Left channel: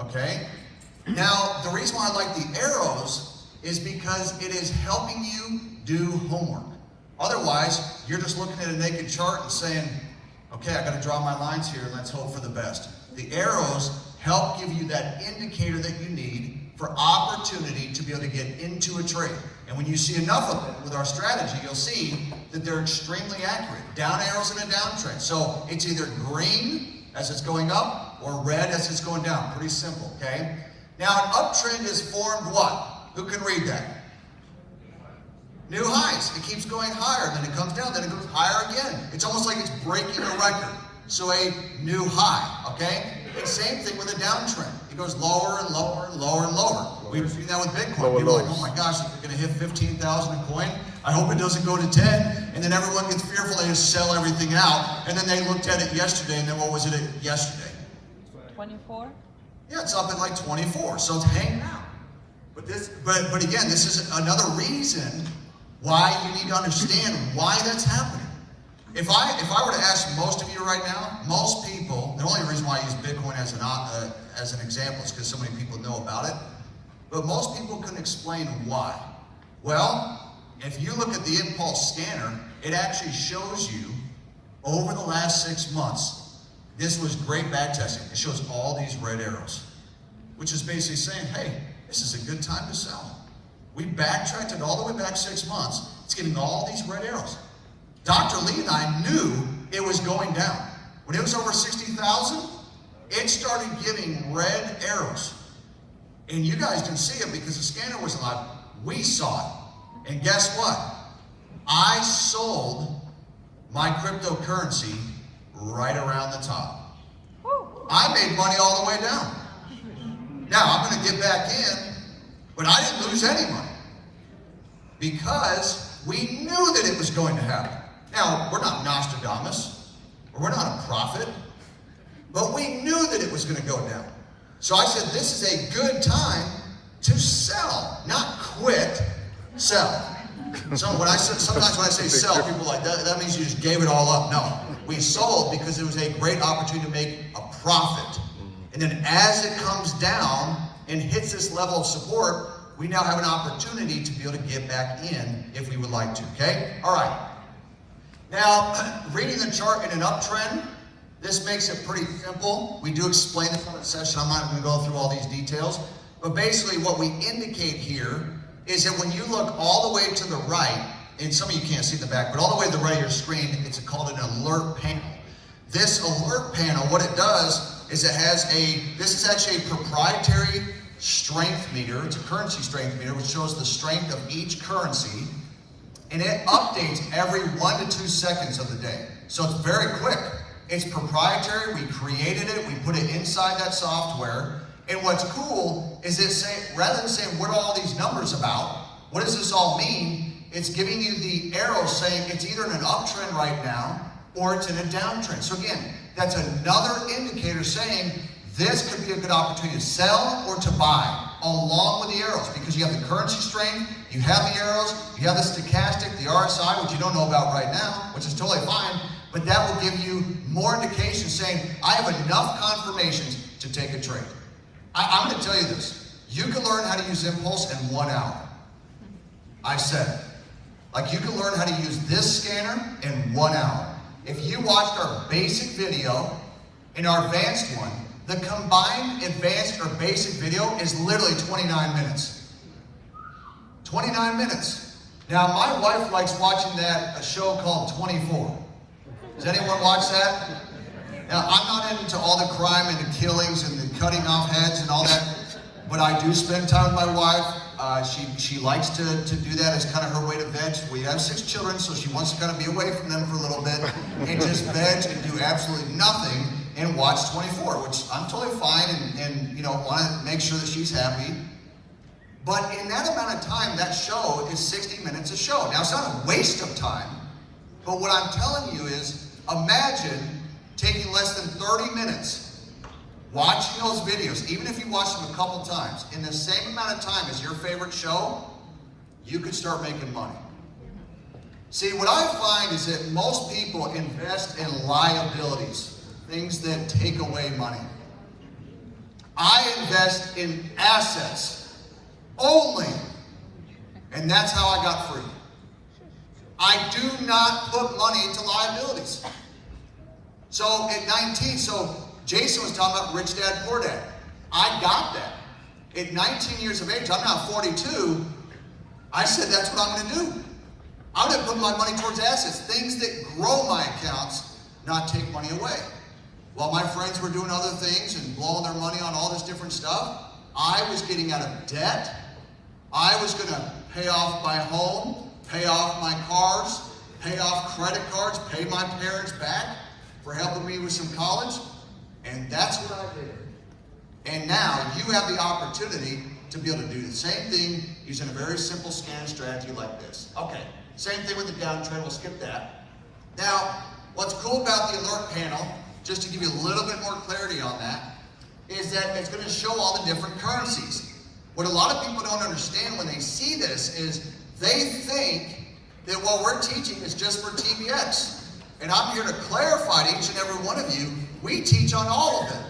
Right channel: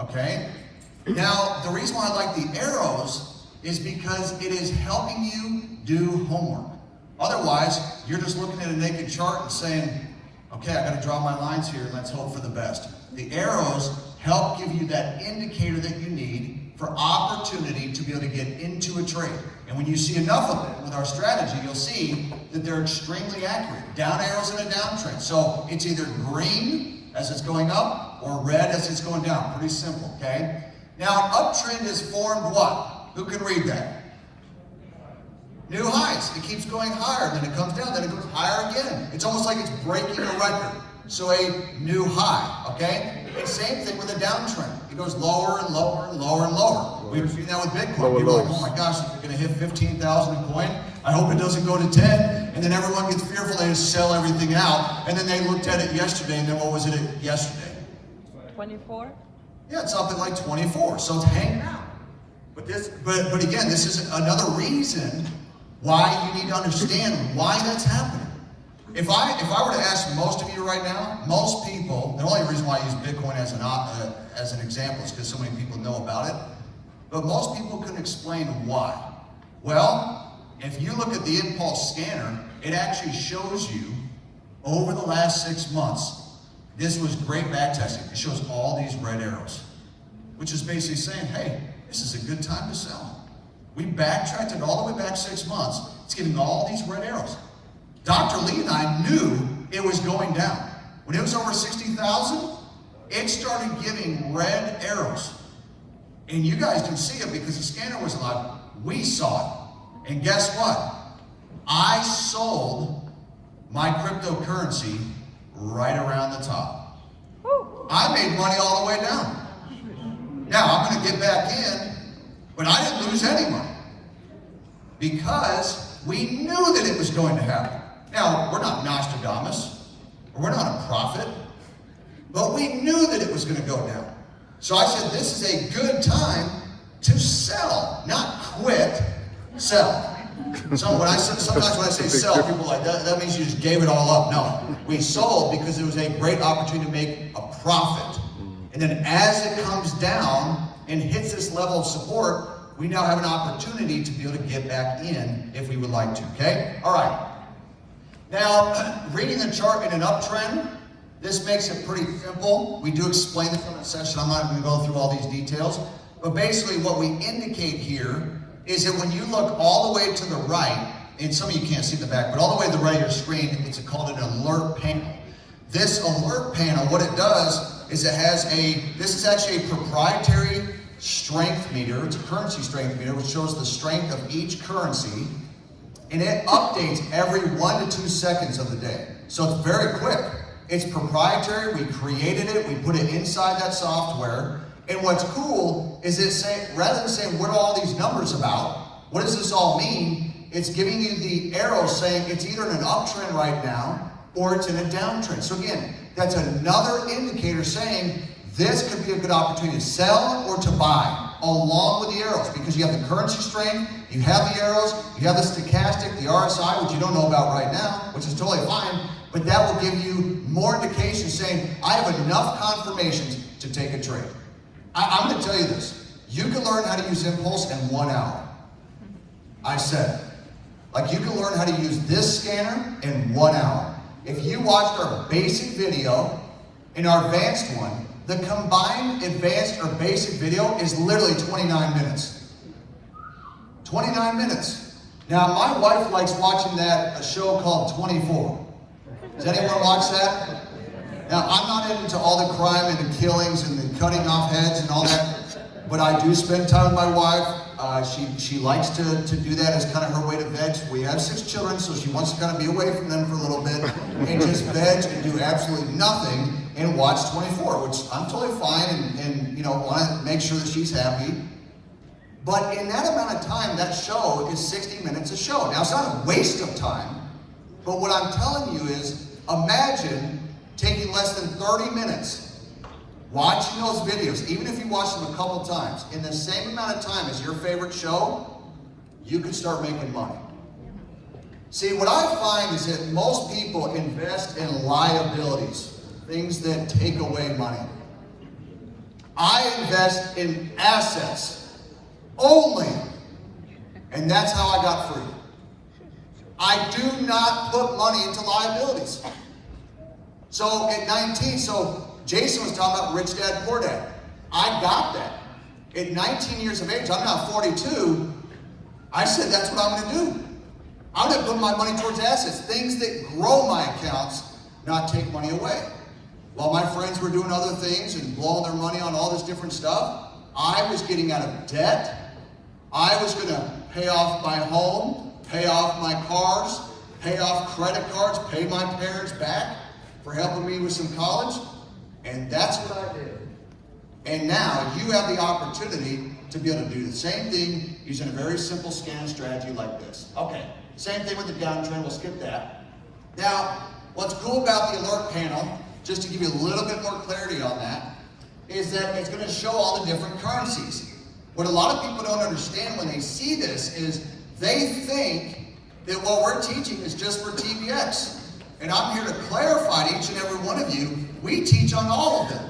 okay? Now, the reason why I like the arrows is because it is helping you do homework. Otherwise, you're just looking at a naked chart and saying, okay, I gotta draw my lines here and let's hope for the best. The arrows help give you that indicator that you need for opportunity to be able to get into a trade. And when you see enough of it with our strategy, you'll see that they're extremely accurate. Down arrows in a downtrend. So it's either green as it's going up or red as it's going down. Pretty simple, okay? Now an uptrend is formed what? Who can read that? New highs. It keeps going higher, then it comes down, then it goes higher again. It's almost like it's breaking a record. So a new high, okay? And same thing with a downtrend. It goes lower and lower and lower and lower. We were seeing that with Bitcoin. People are like, oh my gosh, we're gonna hit 15,000 a coin. I hope it doesn't go to 10. And then everyone gets fearful, they just sell everything out. And then they looked at it yesterday, and then what was it yesterday? 24? Yeah, it's up at like 24, so it's hanging out. But again, this is another reason why you need to understand why that's happening. If I were to ask most of you right now, most people, the only reason why I use Bitcoin as an example is because so many people know about it, but most people couldn't explain why. Well, if you look at the Impulse scanner, it actually shows you over the last 6 months, this was great back testing. It shows all these red arrows, which is basically saying, hey, this is a good time to sell. We backtracked it all the way back 6 months. It's getting all these red arrows. Dr. Lee and I knew it was going down. When it was over 60,000, it started giving red arrows. And you guys didn't see it because the scanner was alive. We saw it. And guess what? I sold my cryptocurrency right around the top. I made money all the way down. Now, I'm going to get back in, but I didn't lose any money because we knew that it was going to happen. Now, we're not Nostradamus, or we're not a prophet, but we knew that it was going to go down. So I said, this is a good time to sell, not quit, sell. So sometimes when I say sell, people are like, that means you just gave it all up. No, we sold because it was a great opportunity to make a profit. And then as it comes down and hits this level of support, we now have an opportunity to be able to get back in if we would like to, okay? All right. Now, reading the chart in an uptrend, this makes it pretty simple. We do explain this on the session. I'm not going to go through all these details. But basically what we indicate here is that when you look all the way to the right, and some of you can't see the back, but all the way to the right of your screen, it's called an alert panel. This alert panel, what it does is this is actually a proprietary strength meter. It's a currency strength meter, which shows the strength of each currency. And it updates every 1 to 2 seconds of the day. So it's very quick. It's proprietary, we created it, we put it inside that software. And what's cool is rather than saying, what are all these numbers about? What does this all mean? It's giving you the arrow saying it's either in an uptrend right now or it's in a downtrend. So again, that's another indicator saying this could be a good opportunity to sell or to buy along with the arrows, because you have the currency strength, you have the arrows, you have the stochastic, the RSI, which you don't know about right now, which is totally fine, but that will give you more indication saying, I have enough confirmations to take a trade. I'm going to tell you this. You can learn how to use Impulse in 1 hour. I said it. Like, you can learn how to use this scanner in 1 hour. If you watched our basic video and our advanced one, the combined advanced or basic video is literally 29 minutes. 29 minutes. Now, my wife likes watching a show called 24. Does anyone watch that? Now, I'm not into all the crime and the killings and the cutting off heads and all that, but I do spend time with my wife. She likes to do that as kind of her way to veg. We have 6 children, so she wants to kind of be away from them for a little bit and just veg and do absolutely nothing and watch 24, which I'm totally fine and you know, want to make sure that she's happy. But in that amount of time, that show is 60 minutes a show. Now, it's not a waste of time, but what I'm telling you is, imagine taking less than 30 minutes watching those videos, even if you watch them a couple times, in the same amount of time as your favorite show, you could start making money. See, what I find is that most people invest in liabilities, things that take away money. I invest in assets only. And that's how I got free. I do not put money into liabilities. So at 19, so Jason was talking about rich dad, poor dad. I got that. At 19 years of age, I'm now 42, I said that's what I'm gonna do. I'm gonna put my money towards assets, things that grow my accounts, not take money away. While my friends were doing other things and blowing their money on all this different stuff, I was getting out of debt. I was gonna pay off my home, pay off my cars, pay off credit cards, pay my parents back for helping me with some college. And that's what I did. And now you have the opportunity to be able to do the same thing using a very simple scan strategy like this. Okay, same thing with the downtrend, we'll skip that. Now, what's cool about the alert panel, just to give you a little bit more clarity on that, is that it's gonna show all the different currencies. What a lot of people don't understand when they see this is they think that what we're teaching is just for TBX. And I'm here to clarify to each and every one of you, we teach on all of them.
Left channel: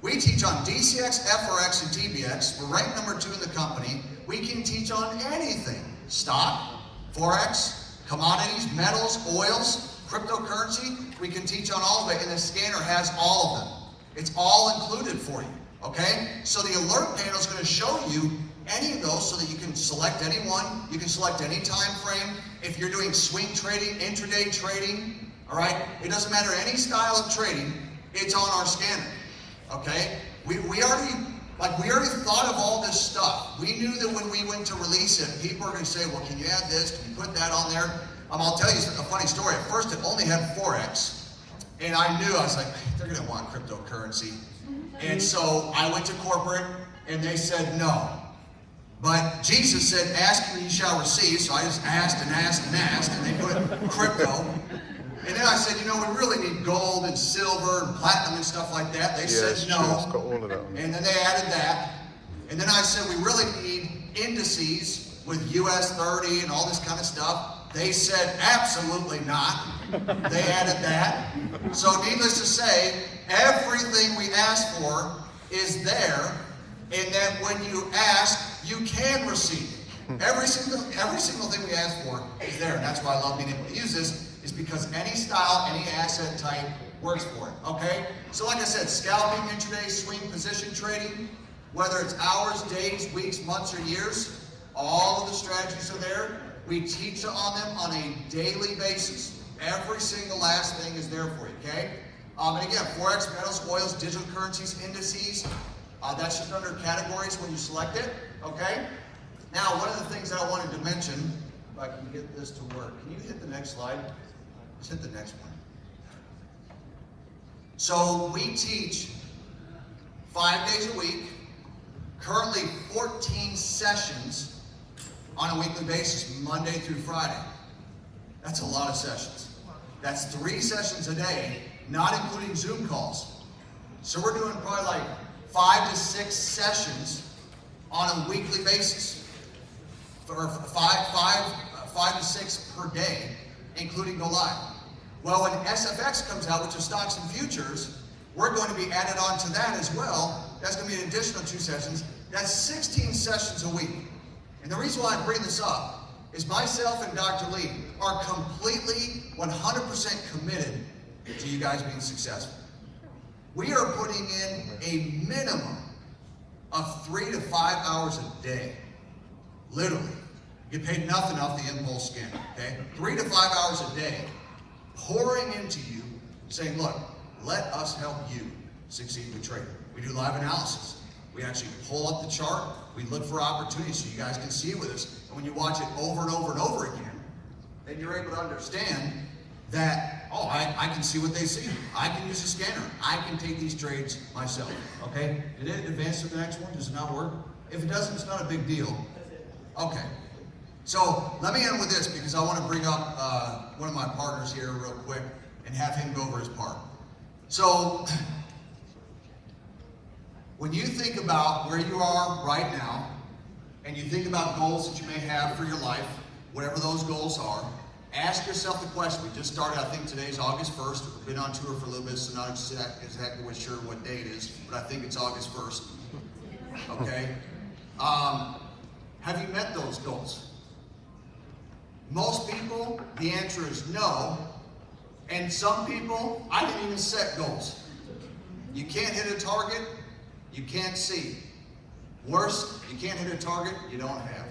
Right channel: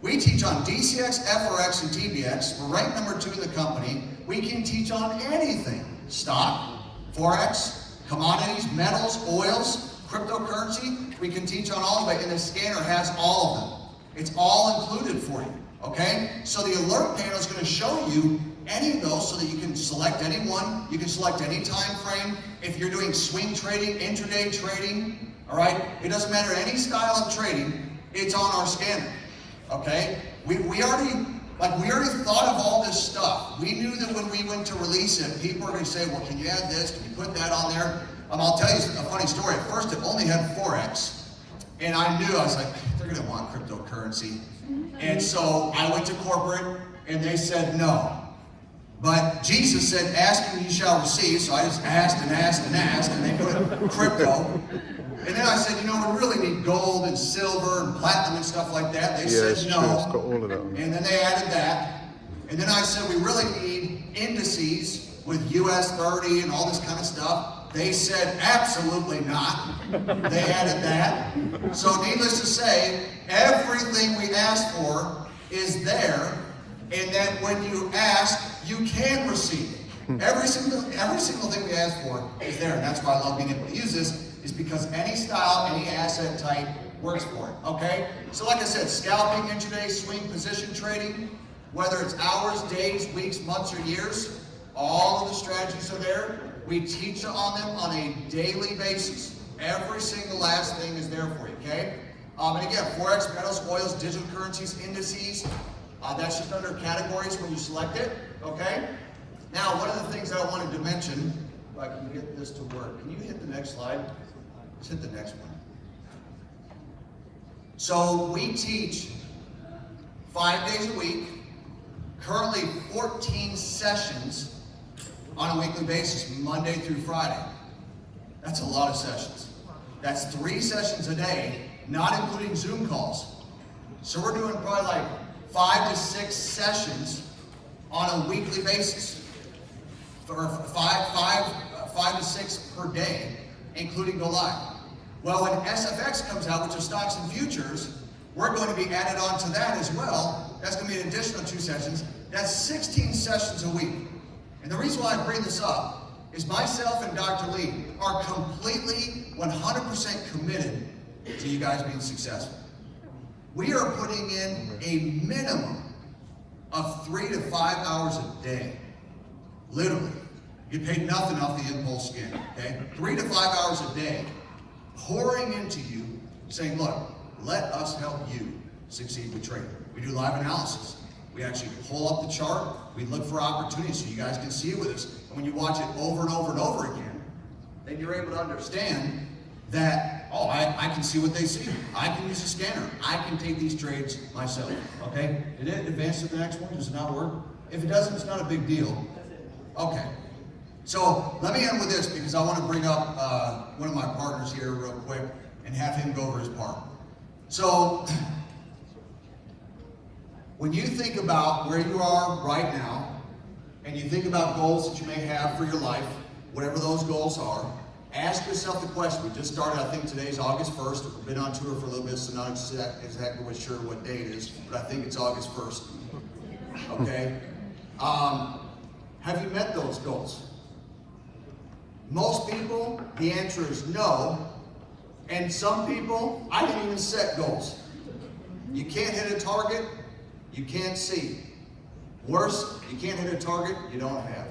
We teach on DCX, FRX, and TBX. We're ranked number 2 in the company. We can teach on anything. Stock, Forex, commodities, metals, oils, cryptocurrency. We can teach on all of it, and the scanner has all of them. It's all included for you, okay? So the alert panel is gonna show you any of those so that you can select any one. You can select any time frame. If you're doing swing trading, intraday trading, all right? It doesn't matter any style of trading, it's on our scanner. Okay, we already thought of all this stuff. We knew that when we went to release it, people are going to say, well, can you add this? Can you put that on there? I'll tell you a funny story. At first, it only had Forex. And I knew, I was like, they're going to want cryptocurrency. And so I went to corporate and they said no. But Jesus said, ask and you shall receive. So I just asked and asked and asked, and they put crypto. And then I said, you know, we really need gold and silver and platinum and stuff like that. They said no. And then they added that. And then I said, we really need indices with US 30 and all this kind of stuff. They said, absolutely not. They added that. So needless to say, everything we asked for is there. And then when you ask, you can receive. Every single thing we ask for is there. And that's why I love being able to use this, is because any style, any asset type works for it, okay? So like I said, scalping, intraday, swing, position trading, whether it's hours, days, weeks, months, or years, all of the strategies are there. We teach on them on a daily basis. Every single last thing is there for you, okay? And again, Forex, metals, oils, digital currencies, indices, that's just under categories when you select it, okay? Now, one of the things I wanted to mention, if I can get this to work, can you hit the next slide? Just hit the next one. So we teach 5 days a week, currently 14 sessions on a weekly basis, Monday through Friday. That's a lot of sessions. That's 3 sessions a day, not including Zoom calls. So we're doing probably like 5 to 6 sessions on a weekly basis, for five to 6 per day, including go live. Well, when SFX comes out, which is stocks and futures, we're going to be added on to that as well. That's going to be an additional 2 sessions. That's 16 sessions a week. And the reason why I bring this up is myself and Dr. Lee are completely 100% committed to you guys being successful. We are putting in a minimum of 3 to 5 hours a day. Literally. You get paid nothing off the impulse scanner, okay? 3 to 5 hours a day, pouring into you, saying, look, let us help you succeed with trading. We do live analysis. We actually pull up the chart. We look for opportunities so you guys can see it with us. And when you watch it over and over and over again, then you're able to understand that, oh, I can see what they see. I can use a scanner. I can take these trades myself, okay? Did it advance to the next one? Does it not work? If it doesn't, it's not a big deal. Okay. So let me end with this because I want to bring up one of my partners here real quick and have him go over his part. So when you think about where you are right now and you think about goals that you may have for your life, whatever those goals are, ask yourself the question. We just started, I think today's August 1st. We've been on tour for a little bit, so not exactly sure what day it is, but I think it's August 1st. Okay? Have you met those goals? Most people, the answer is no. And some people, I didn't even set goals. You can't hit a target, you can't see. Worse, you can't hit a target you don't have.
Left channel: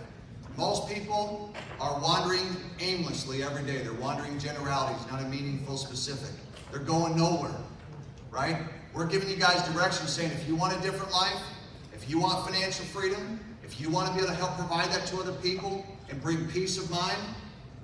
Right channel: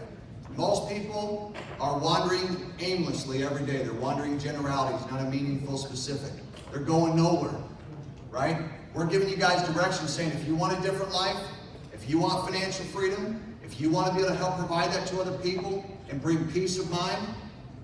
Most people are wandering aimlessly every day. They're wandering generalities, not a meaningful specific. They're going nowhere, right? We're giving you guys direction saying if you want a different life, if you want financial freedom, if you want to be able to help provide that to other people and bring peace of mind,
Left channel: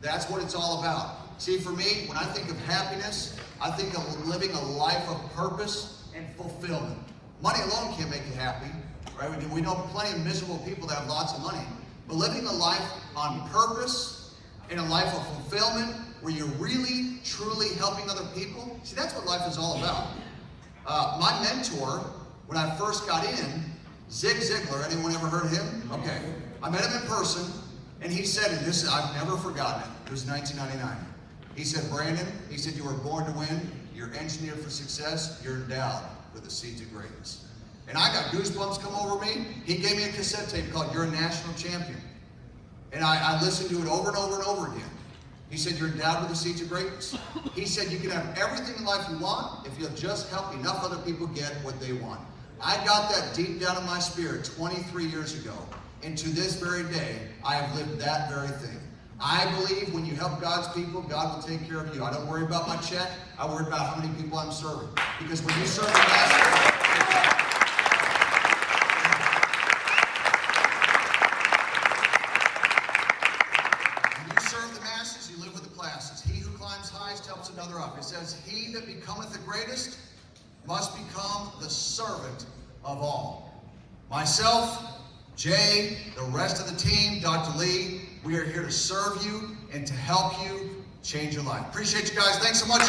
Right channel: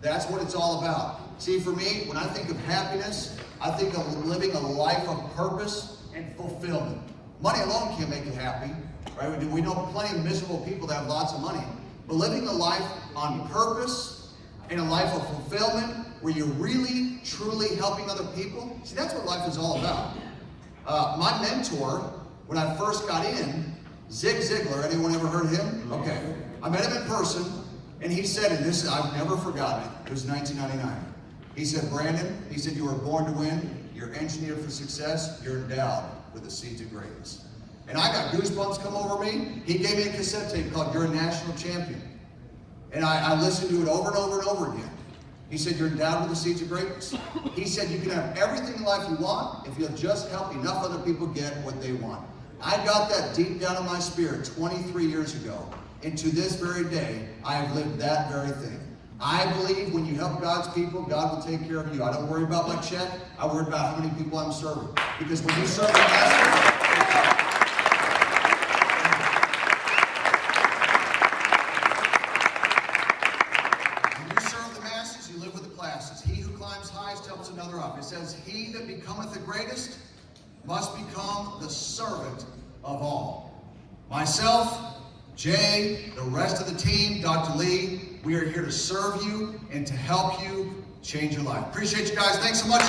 that's what it's all about. See, for me, when I think of happiness, I think of living a life of purpose and fulfillment. Money alone can't make you happy, right? We know plenty of miserable people that have lots of money. But living a life on purpose and a life of fulfillment where you're really, truly helping other people, see, that's what life is all about. My mentor, when I first got in, Zig Ziglar, anyone ever heard of him? Okay. I met him in person, and he said, and this, I've never forgotten it, it was 1999. He said, Brandon, he said, you were born to win, you're engineered for success, you're endowed with the seeds of greatness. And I got goosebumps come over me. He gave me a cassette tape called You're a National Champion. And I listened to it over and over and over again. He said, you're endowed with the seeds of greatness. He said, you can have everything in life you want if you'll just help enough other people get what they want. I got that deep down in my spirit 23 years ago. And to this very day, I have lived that very thing. I believe when you help God's people, God will take care of you. I don't worry about my check. I worry about how many people I'm serving. Because when you serve the master, you live with the classes. He who climbs highest helps another up. It says, he that becometh the greatest must become the servant of all. Myself, Jay, the rest of the team, Dr. Lee, we are here to serve you and to help you change your life. Appreciate you guys. Thanks so much.